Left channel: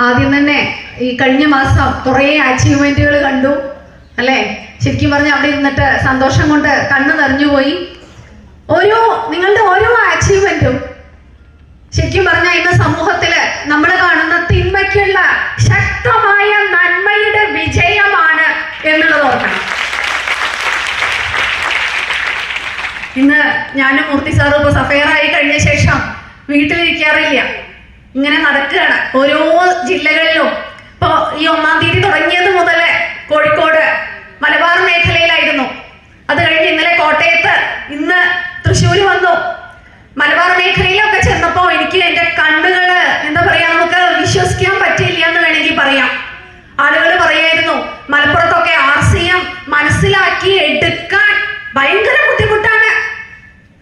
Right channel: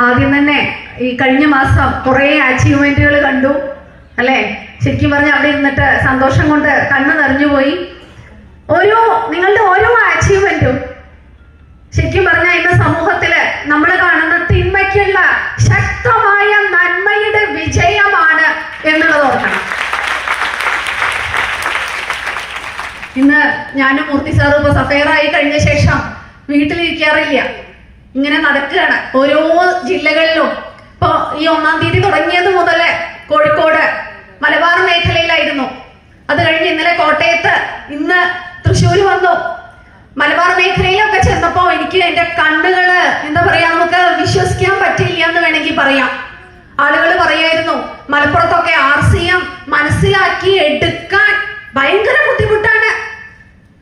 ആദ്യം തന്നെ ഈ കഴിഞ്ഞ മാസം കുറേ അച്ചീവ്മെന്റുകൾ കണ്ടു അല്ലേ? ശരിക്കും പറഞ്ഞ അവിടെ ഇരുന്നിട്ട് സന്തോഷം കൊണ്ട് കണ്ണ് നിറഞ്ഞുപോയി ഓരോ നിങ്ങളുടെ ഓരോ അച്ചീവ്മെന്റും ശരിക്കും പറഞ്ഞാൽ ഇന്ന് സമൂഹത്തിൽ നമ്മൾ കാണുന്ന തിന്മയ്ക്കുള്ള ശക്തമായ നന്മയുടെ വിജയമാണ് എന്നുള്ളത് ഓർക്കണം. ഇന്ന് ഞാനും മൂർത്തി സാറും ഇപ്പൊ സഫയറായി കഴിഞ്ഞ ശേഷം വീട്ടിലിരിക്കാറില്ല. ഇങ്ങനെ നടക്കുകയാണ്. ഓരോ ജില്ലകളിലും. ഇപ്പോ ഈ ഒന്നാം തീയതി തുടങ്ങിയത് മുതൽ കോഴിക്കോട് മലബാർ മേഖലയിലായിരുന്നു. അത് കഴിഞ്ഞ് ഇന്നലെ കോട്ടയത്ത് ഇന്ന് തൃശ്ശൂര് വന്നു. മലബാർ മേഖലയിലൊക്കെ ചെന്നപ്പോ എനിക്ക് എന്റെ കണ്ണുകൾ എന്താ പറയാ നമുക്ക് വിശ്വസിക്കാൻ പറ്റില്ല എന്ന് വേണമെങ്കിൽ പറയാം. ആളുകൾ പറയായിരുന്നു മലപ്പുറത്തൊക്കെ ആർ സി എം മനസ്സിലാക്കി എടുക്കാൻ ഭയങ്കര ബുദ്ധിമുട്ടാണ്.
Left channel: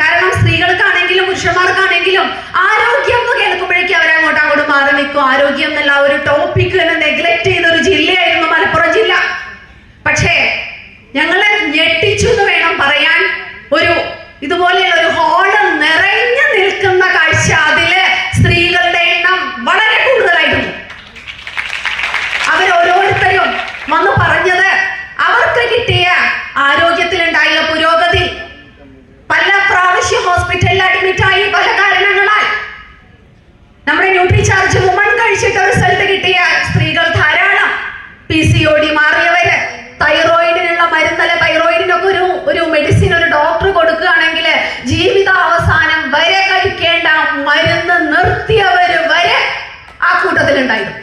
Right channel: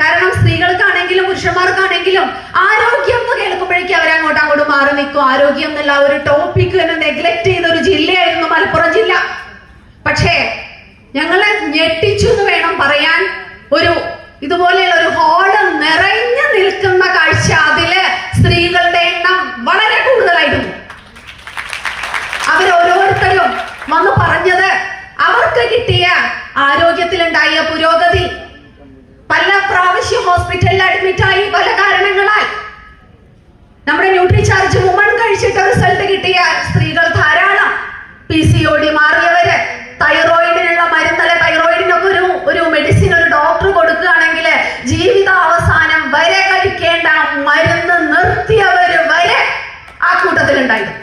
കാരണം സ്ത്രീകൾക്കാണെങ്കിലും പുരുഷന്മാർക്കാണെങ്കിലും ആരോഗ്യം അവർ അങ്ങോട്ട് അങ്ങോട്ട് മാറി നിൽക്കും. ആരോഗ്യം എന്നുള്ള ഒരു ടോപ്പിക് തന്നെ നെഗ്ലക്ട് ചെയ്യുന്ന ഒരു ജീവിത അവസാനം വരെ കഴിക്കേണ്ട മരുന്ന് നിർത്തിയവര് വരെ ആ കൂട്ടത്തിലുണ്ടായിരുന്നു.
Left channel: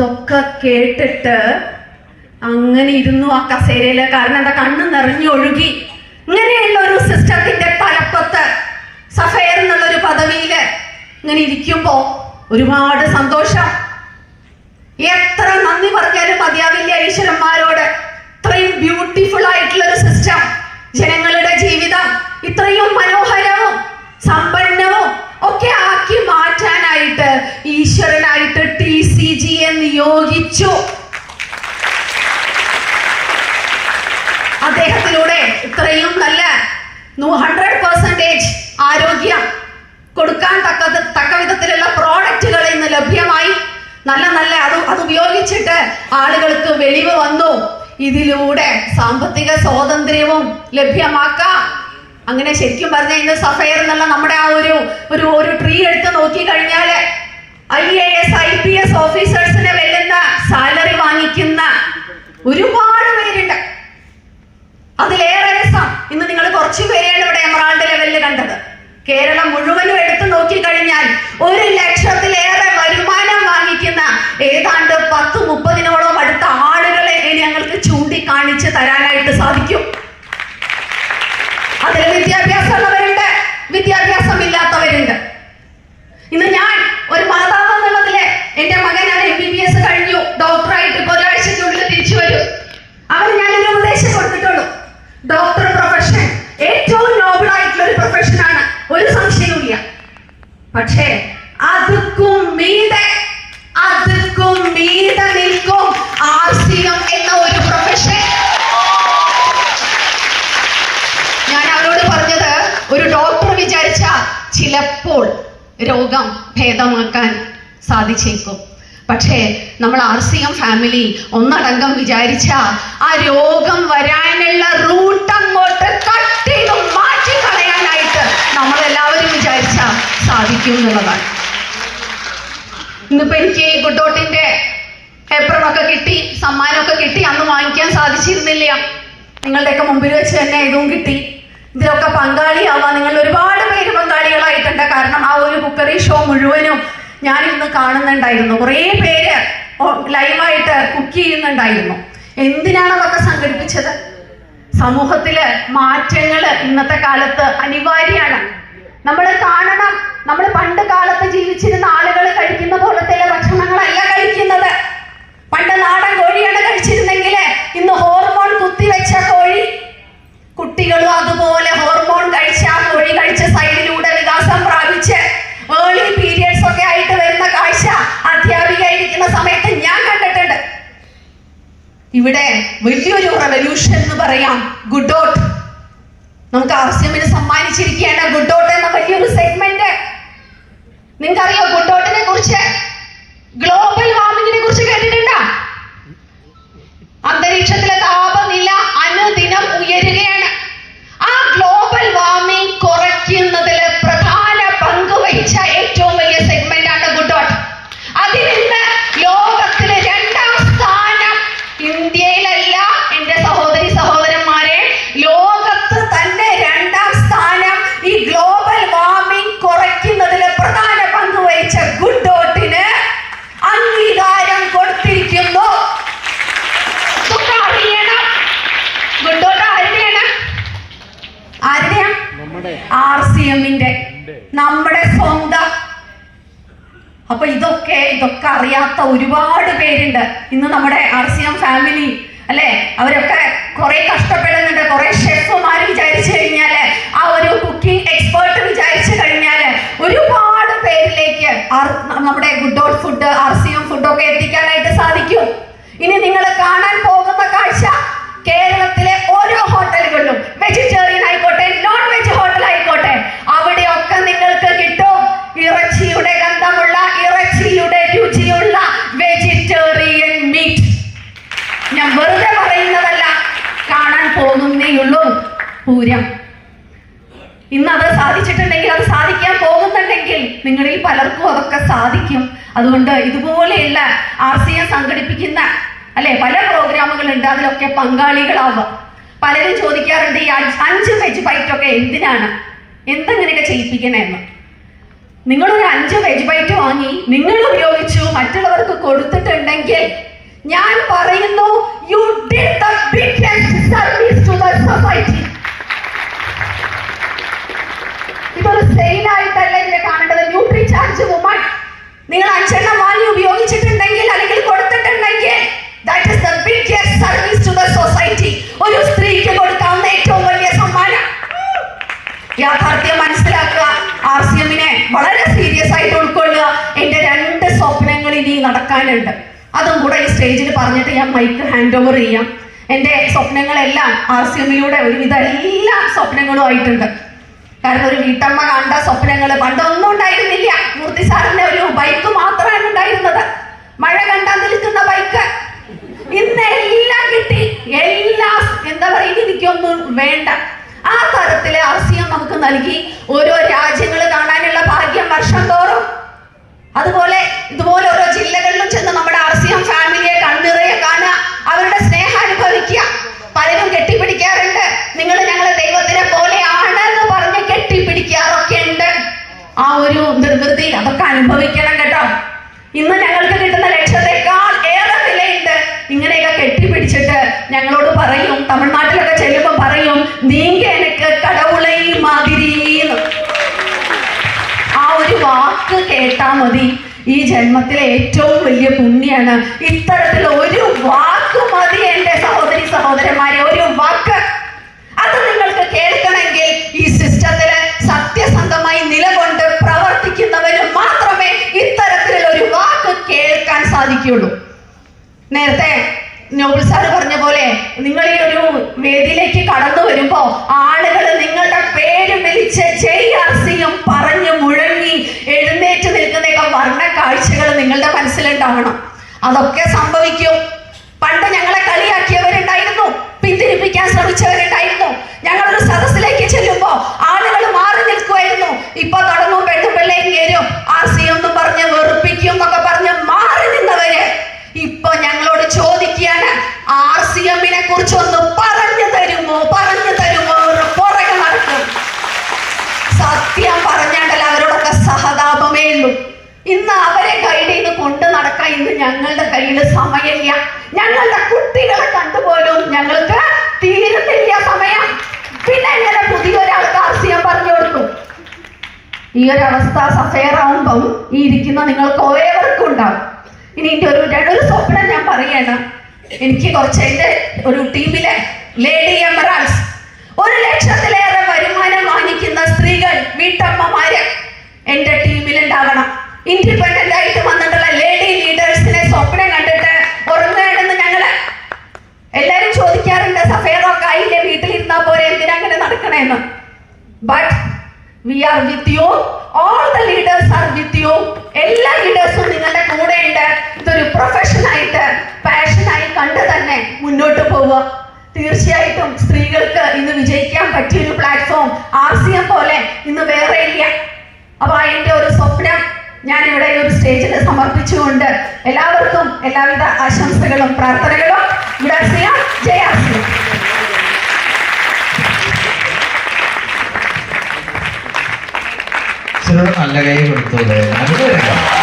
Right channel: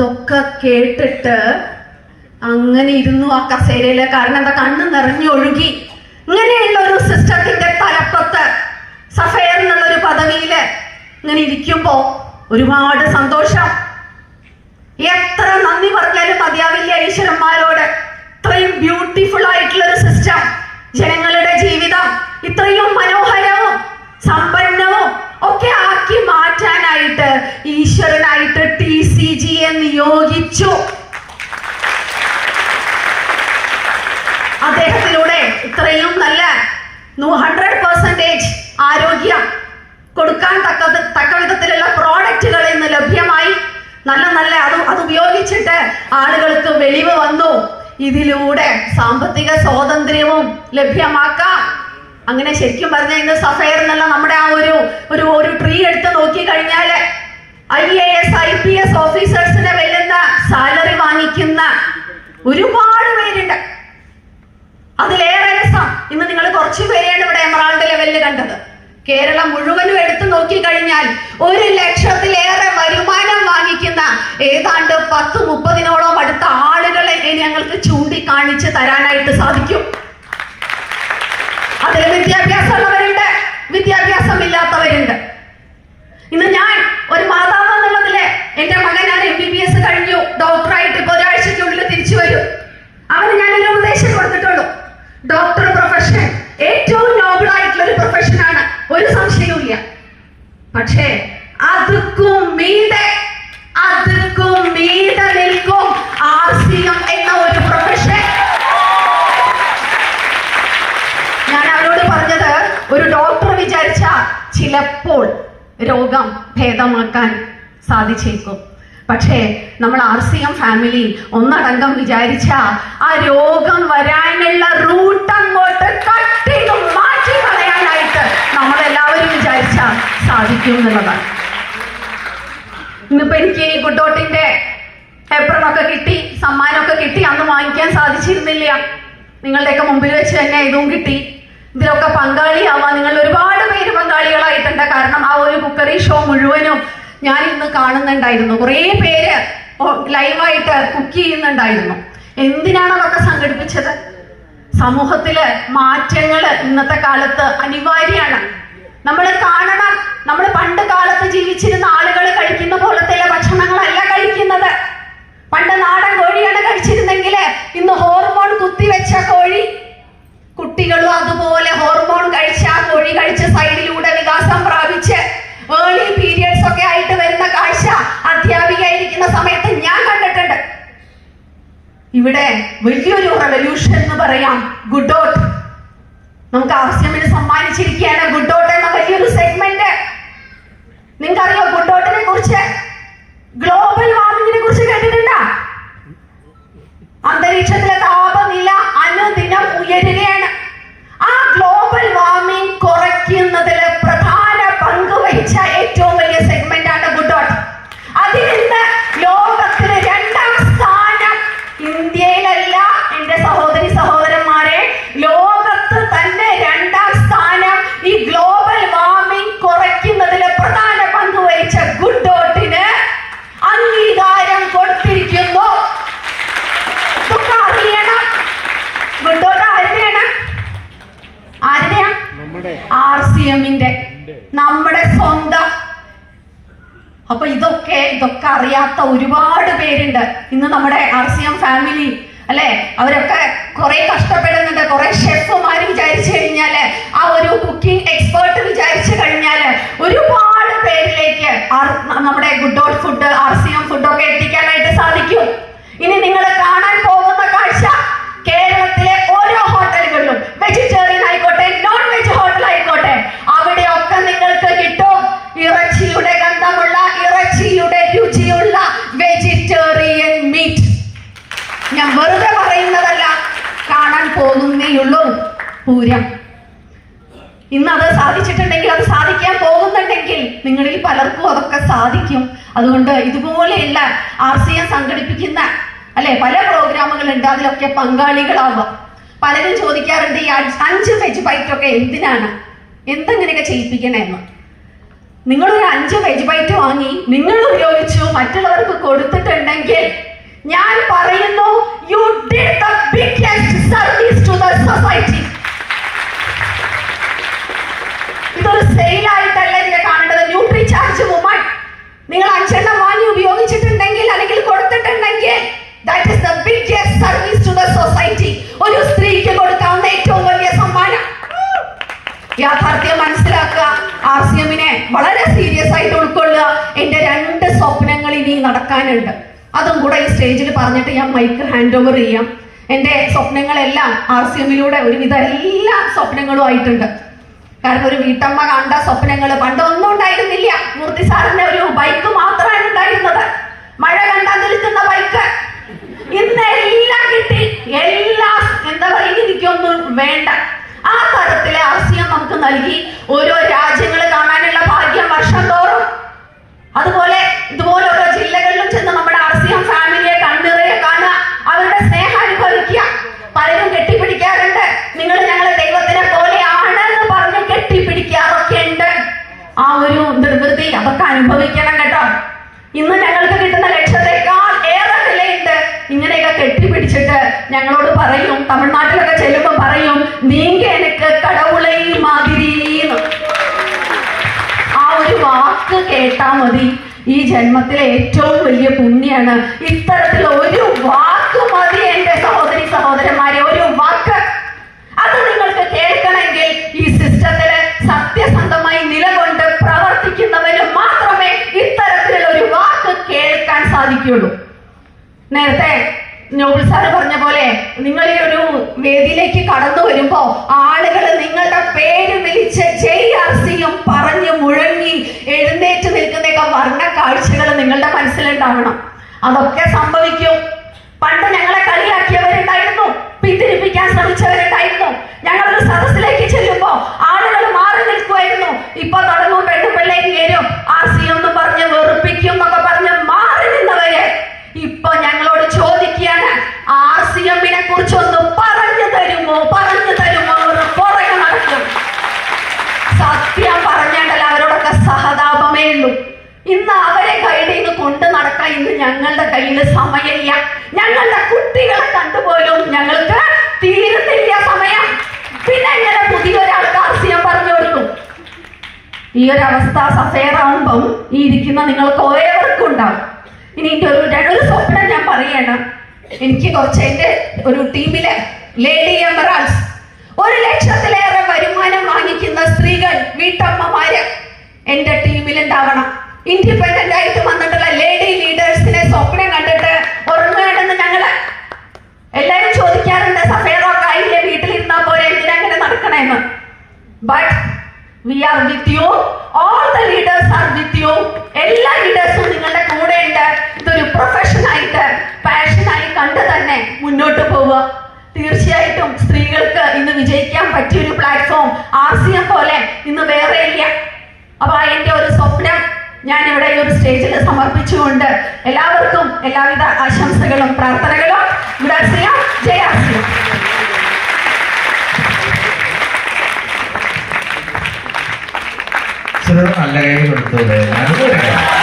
ഇതൊക്കെ കേട്ടിട്ട് അങ്ങനെ ഇരുന്നു ആ കസേരയിൽ കാരണം എന്താ? കണ്ണ് നിറഞ്ഞൊഴുകി ഇങ്ങനെയുള്ള ഒരു സിസ്റ്റത്തിന്റെ തലപ്പത്ത് സഫയർ എന്നുള്ള ഒരു പദവിയിൽ ഇങ്ങനെ ഇരിക്കുമ്പോ ഒരുപാട് സന്തോഷം. എത്ര നന്ദി പറഞ്ഞാലും മതിയാവില്ല ഈശ്വരന്മാരോട്. ഇത്രയും ബ്യൂട്ടിഫുൾ ആയിട്ടുള്ള ഒരു സിസ്റ്റം ജനങ്ങളുടെ ജീവിതം ഇത്രയും മനോഹരവും സമ്പന്നവും ഒക്കെ ആക്കി മാറ്റാനായിട്ട് ഈശ്വരനായിട്ട് ടി സി ജിയെ നിയോഗിച്ചു. അദ്ദേഹത്തിലൂടെ ഇത്രയും നല്ല ഹൺഡ്രഡ് പെർസെന്റേജ് ആരോഗ്യം കൊടുക്കാൻ തക്ക തക്ക വിധത്തിലുള്ള പ്രോഡക്റ്റുകൾ ഇന്ന് ലഭ്യമായി. നല്ല നല്ല അത് അത് ഉപയോഗിച്ചിട്ട് ആളുകൾക്ക് വെളിവ് വന്നു. ഇതിലൂടെ സാമ്പത്തിക സ്വാതന്ത്ര്യവും ലഭ്യമാക്കാം. അങ്ങനെ ശരിക്കും പറഞ്ഞ ഇന്ന് സഫയർ എന്നുള്ള നമ്മുടെ ആ ഒരു ഒരു ഒരു ട്രീ എടുത്ത് നോക്കി കഴിഞ്ഞാൽ I A S I P S ഓഫീസേഴ്സിനെ വരുന്ന സാലറി വാങ്ങിക്കുന്ന ഒരുപാട് പേരുണ്ട്. അതിലേറെ രസം. ഇന്ന് നിങ്ങൾ കുറച്ചു പേരെയാണ് ഇവിടെ എമറാൾഡ് ലെവലിൽ കണ്ടത്. കേരളം മുഴുവനും എടുത്തു നോക്കി കഴിഞ്ഞാൽ ഒരു ലക്ഷത്തിലേറെ വരുമാനം വാങ്ങിക്കുന്ന ഏതാണ്ട് പത്ത് മുപ്പതിനോളം അടുത്ത ആളുകളെ ഞങ്ങൾക്ക് ചൂണ്ടിക്കാണിച്ച് തരാനായിട്ട് സാധിക്കും. അതിൽ വിദ്യാഭ്യാസം ഇല്ലാത്തവരുണ്ട് ഇന്ന് ഞാൻ ഒരു മാതാവ് എന്നുള്ളതിൽ എന്റെ മകൻ ഞാൻ എം ബി ബി എസ് കഴിഞ്ഞു. ഡോക്ടറായിട്ട് ഇപ്പൊ ഒരാഴ്ചക്കുള്ളിൽ ഒരു ഡോക്ടർ വിചാരിച്ച ചിലപ്പോൾ രോഗം ഭേദമാക്കാൻ സാധിച്ചേക്കും. പക്ഷേ നമ്മൾ ആർ സി എം ഫാമിലി ഒന്നടങ്കം വിചാരിച്ച ആ രോഗം വരാനുള്ള റൂട്ട് അങ്ങോട്ട് കട്ടിലും മാറ്റി കളയാനായിട്ട് നമ്മളെല്ലാവരും വിചാരിച്ച സാധിക്കും എന്നുള്ളതാണ്. ഇന്നിപ്പോ എനിക്ക് ഈ പേപ്പറൊക്കെ കിട്ടി സമ്മാനമൊക്കെ കിട്ടി അന്ന് വാങ്ങിക്കാൻ സാധിച്ചിരുന്നില്ല. നിങ്ങളുടെയൊക്കെ മുമ്പിൽ വെച്ച് തന്നെ ഇതും കിട്ടി. ഇതിലൊക്കെ പങ്കാളിയാവാൻ നിങ്ങൾ ഒരുപാട് പേര് പങ്കാളികളായിട്ടുണ്ട്. കാരണം ആ ഒരു കുക്കറി ഷോ മുഴുവനും ഞാൻ ഇന്ന് കാണുന്നുണ്ടായിരുന്നു. കുറേ പേര് ലൈവായിട്ട് കുക്ക് ചെയ്യുന്നുണ്ടായിരുന്നു. എന്തിനാണ് അതൊക്കെ സംഘടിപ്പിച്ചത്? സമൂഹത്തിൽ മാറ്റങ്ങൾ ഇന്നത്തെ കാലത്ത് അനിവാര്യമാണ്. നമ്മൾ കാണണം. നമ്മൾ പണ്ട് കാലത്ത് ജീവിച്ചിരുന്ന ആളുകൾ കഴിക്കുന്ന പോലത്തെ ഭക്ഷണങ്ങളല്ല കഴിക്കുന്നത്. പണ്ട് നാടൻ കോഴിയാണ് കഴിച്ചിരുന്നെങ്കിൽ ഇന്ന് ഹോർമോൺ കുത്തിവെച്ച കോഴി കുട്ടികളും അതുപോലെ ഹോർമോൺ കഴിച്ച കോഴി കഴിച്ച സൈഡിലൂടെ വികാസം പ്രാപിച്ച് ഏർലി പീരിയഡ്സ് ഒക്കെ ആയിട്ട് വരുന്ന കാഴ്ച അധ്യാപിക ഇരിക്കുന്ന സമയത്ത് ഞാൻ കണ്ടിട്ടുണ്ട്. ഇവിടെ വലിയൊരു റെവല്യൂഷൻ എന്ന് പറയാം ഗുഡോട്ട് നമുക്ക് ആർസിഎമ്മിന് സമ്മാനിച്ചിരിക്കുകയാണ് ഗുഡോട്ട് എന്ന വലിയൊരു സെഗ്മെന്റ് നിങ്ങൾക്കറിയോ ഗുഡോട്ടിനെ കുറിച്ച്? ഗ്ലോബൽ വാർമിങ്ങിനെ കുറിച്ച് നമ്മുടെ സ്വന്തം. അപ്പൊ ഇതൊക്കെ ഇതൊക്കെ അറിയാത്ത ഒരുപാട് പേരുണ്ട്. ഇന്ന് നമ്മുടെ ആർ സി എം ഫാമിലി അല്ലെ? അവരൊക്കെ കുറെ കഷ്ടപ്പെടുന്നുണ്ട്. കുറെ ഷെഫുമാർ വിചാരിച്ചു കഴിഞ്ഞാൽ ആ ഒരു കുക്കിംഗ് എക്സ്പേർട്ട് വിചാരിച്ചു കഴിഞ്ഞാൽ ഒരുപാട് പേരിലേക്ക് നമ്മുടെ good all food R C M ഫുഡൊക്കെ എത്തിക്കാനായിട്ട് സാധിക്കും. ഇനി നിങ്ങൾ കാണാൻ പോകുന്ന കാഴ്ച നിങ്ങളിൽ പലർക്കും അതൊക്കെ സാധിക്കും. അതുകൊണ്ട് ഇതുപോലെയുള്ള ആർ സി എം സംഘടിപ്പിക്കുന്ന അല്ലെ പല പ്രോഗ്രാമുകളുണ്ട്. അതിലൊക്കെ പങ്കാളികളാവുക. പലരും ചോദിക്കാറുണ്ട് ഈ അഞ്ച് വെജ് ബൈറ്റ് ഒക്കെ എന്തിനാണ്? എന്തെങ്ങനെയൊക്കെ ചെയ്യിപ്പിക്കണമെന്ന്? നിങ്ങളൊരു അഞ്ച് വെജ് ബൈറ്റ് വാങ്ങി നിങ്ങൾ ഉപയോഗിച്ചു മറ്റുള്ളവർക്ക് കൊടുത്തിട്ടുണ്ടെങ്കിൽ ഞാൻ പറയുന്നു you did the service to the society ഇതൊരു സെയിൽ ആയിട്ടല്ല ചാർജ് വുമൺ നിങ്ങൾ അഞ്ചെണ്ണം വാങ്ങി ഉപയോഗിച്ചിട്ടുണ്ടെങ്കിൽ അല്ലെങ്കിൽ കൊടുത്തിട്ടുണ്ടെങ്കിൽ that is the biggest service to the society ഒരു സ്ത്രീക്ക് കൊടുക്കാവുന്ന ഏറ്റവും വലിയ സമ്മാനം. യാഥാർത്ഥ്യം മനസ്സിലാക്കുക. ആർ സി എമ്മിനെ വളരെ സീരിയസ് ആയിട്ട് ഉൾക്കൊള്ളുക. എന്റെ രണ്ട് സ്വപ്നങ്ങൾ ഇനി നടക്കാനുണ്ട്. അതും കൂടെ ഈ സ്റ്റേജിൽ പറഞ്ഞിട്ട് ഞാൻ മൈക്ക് ഹാൻഡ് ഓവർ ചെയ്യാം. എന്റെ സ്വപ്നങ്ങളെല്ലാം ആർ സി എമ്മിലൂടെ ഒരുവിധ എല്ലാ സ്വപ്നങ്ങളും ആയിട്ടുണ്ട്. കാരണം ഒരു വീട്ടമ്മ കണ്ട സ്വപ്നങ്ങൾ പണ്ടൊന്നും ഉണ്ടായിരുന്നില്ല. മൂർത്തി സാറിന്റെ ഒരു ബൈക്ക് മാത്രമാണ് ഉണ്ടായിരുന്നത്. മഴ കണ്ടാൽ നിൽക്കുന്ന ബൈക്ക് ഇന്ന് എല്ലാം കിട്ടി. എല്ലാ എന്താ പറയുക എനിക്കൊന്നും വേണ്ട. ആ തരത്തിലെ അവസ്ഥയും നമുക്ക് നൽകി. ഓരോ രാജ്യങ്ങൾ കാണാനുള്ള ഭാഗ്യം വർഷം തോറും. അതുപോലെ ഇതുപോലെ ഓരോ ജില്ലകളിലും ചെന്ന് നമ്മുടെ ആർസിയം ഫാമിലിയെ കണ്ണുറയെ കാണുക അവരുടെ സ്നേഹം അനുഭവിക്കുക. പലരും കെട്ടിപ്പിടിക്കാറുണ്ട്. നിങ്ങൾ ഞങ്ങളെ അതൊക്കെ അനുഭവിക്കണം കേട്ടോ. ഇന്ന് ഞങ്ങൾക്ക് കിട്ടുന്ന ലക്ഷ്യത്തെക്കാൾ ഏറെ വിലയുണ്ട്. ഇങ്ങനെയൊക്കെ കെട്ടിപ്പിടിച്ചിട്ട് ഞങ്ങളോട് പറയും തമിഴ്നാട്ടിലൊക്കെ ചെല്ലുമ്പോൾ പറയും നീങ്ക എനിക്ക് കടവുളൈ മാതിരീന്ന് ആ ഒരു വാക്ക് കേട്ടാ മതി. ഈ ജന്മത്തിലെ ഏറ്റവും വലിയ പുണ്യാണ് ഇത്തരത്തിൽ ഒരു വാക്ക് മതി എന്റെ സഹോദരി സഹോദരന്മാരെ. സാധിക്കുള്ളൂ നേരത്തെ നോബിൾ സാർ പറഞ്ഞ പോലെ നിങ്ങൾ ഈ ഒരു വേദിയിലേക്ക് കടന്നു വരുമ്പോ ആളുകൾ നിങ്ങളുടെ പേര് വിളിച്ച് ജയ് ആർസിയും പറഞ്ഞു മുഴങ്ങി എഴുന്നേറ്റ് നിൽക്കുന്നതൊക്കെ വർണ കാഴ്ചകൾ നിങ്ങളുടെ മനസ്സിലുണ്ടാവണം. അതൊക്കെ സംഭവിക്കും. പണ്ട് ഞങ്ങളെ കളിയാക്കിയവരുണ്ടായിരുന്നു. പിന്തിരിപ്പിക്കാൻ ശ്രമിച്ചവരുണ്ടായിരുന്നു. ഞങ്ങളുടെ കയ്യിൽ സമയമില്ല. ഞങ്ങളുടെ കുട്ടികളെ കണ്ടുപോലും ഞങ്ങൾക്ക് തീരുന്നില്ല സമയം. പിന്നെ എങ്ങനെ പുതിയൊരാൾക്ക് ആർസിയം പറഞ്ഞു കൊടുക്കും. ഈ ഒരു അവസ്ഥ സഫയറാവുമ്പം ഈ ഇരിക്കുന്ന നിങ്ങൾക്ക് ഓരോവർക്കും ഉണ്ടാവും. ഇനി ഒരു ഒരു സ്വപ്നം ഞാൻ പറയണം എനിക്ക് കുറച്ച് എന്റെ ഒരു ടീമിലെ ലേഡി എമറാൾസ് ഒരു ലക്ഷത്തിലേറെ വരുമാനം വാങ്ങിക്കുന്ന സ്ത്രീകൾ വീട്ടമ്മമാര് എന്റെ ടീമിൽ ഉണ്ടാവണം ഇൻഡിപെൻഡന്റ് ആയിട്ട് വന്നിട്ടുള്ള ലേഡി എല്ലാരും ചോദിക്കാറുണ്ട് സഫേദൊക്കെ ആയില്ലേ വീട്ടിലിരുന്നാ പോരെ? എന്തിനാ അങ്ങനെ നടക്കണേന്ന്? But we are with you all the leaders are with you എല്ലാ ലീഡേഴ്സും നിങ്ങളുടെ കൂടെ ഉണ്ട്. ഇതൊരു പ്രൊഫഷനായിട്ട് പാഷനായി കണ്ട് തന്നെ മുന്നോട്ട് പോവുക. തീർച്ചയായിട്ടും സ്ത്രീകൾക്ക് ഇന്ന് വിജയിക്കാൻ പറ്റിയ ഒരു പ്ലാറ്റ്ഫോം ആർ സി എം പോലെ ഇന്ന് വേറെ ഇല്ല. അപ്പൊ എന്റെ ഒരു സ്വപ്നം ഞാൻ ഇവിടെ ഒരു സ്റ്റേജിൽ സമർപ്പിച്ചുകൊണ്ട് എല്ലാവർക്കും എല്ലാവിധ ആശംസകളും പ്രാർത്ഥനകളും ഇവിടെ ചെയ്യാം ജയാസിയം നല്ല കൈ അനുഭവം